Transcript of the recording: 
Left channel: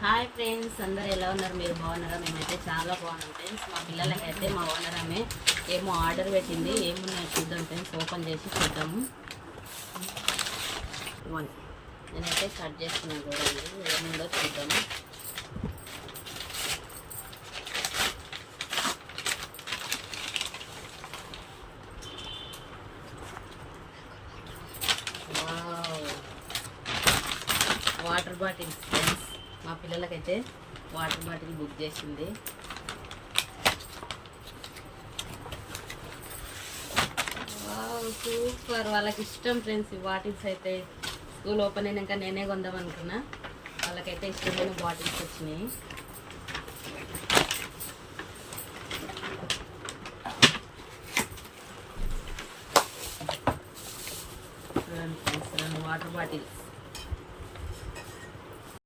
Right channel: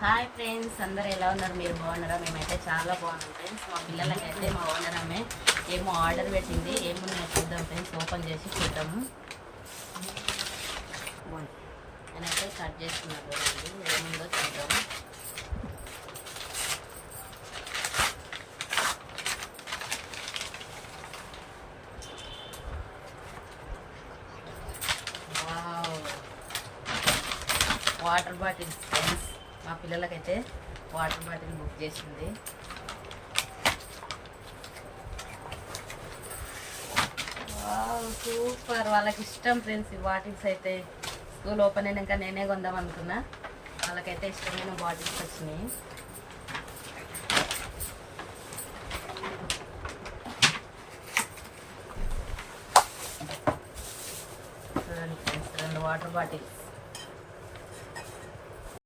Hi friends, అందరూ ఎలా ఉన్నారు? మీరు బాగున్నారా? మేమైతే చాలా బాగున్నాం ఫ్రెండ్స్. మా పిల్లలకైతే మా ఓనర్ ఆమె ఏమో ఆర్డర్ పెట్టింది. ఏమున్నాయో చూద్దాం ఫ్రెండ్స్. ఓపెన్ చేసి చూద్దాము. నేనైతే కట్ చేస్తున్నాను చూడండి, ఏముందో చూద్దాము. వాటర్ బాటిల్స్ ఫ్రెండ్స్, మా పిల్లలకైతే వాటర్ బాటిల్ బుక్ చేసింది. సూపర్, వాళ్ళకి ఇష్టం ఫ్రెండ్స్ ఈ బాటిల్స్. అయితే స్కూల్ ఓపెన్ అయినాక నేనే కొందాం అనుకున్నా. వాళ్ళకైతే ఇష్టమైన బాటిల్స్ వచ్చినాయి. చూడండి ఫ్రెండ్స్, 2 వాటర్ బాటిల్స్.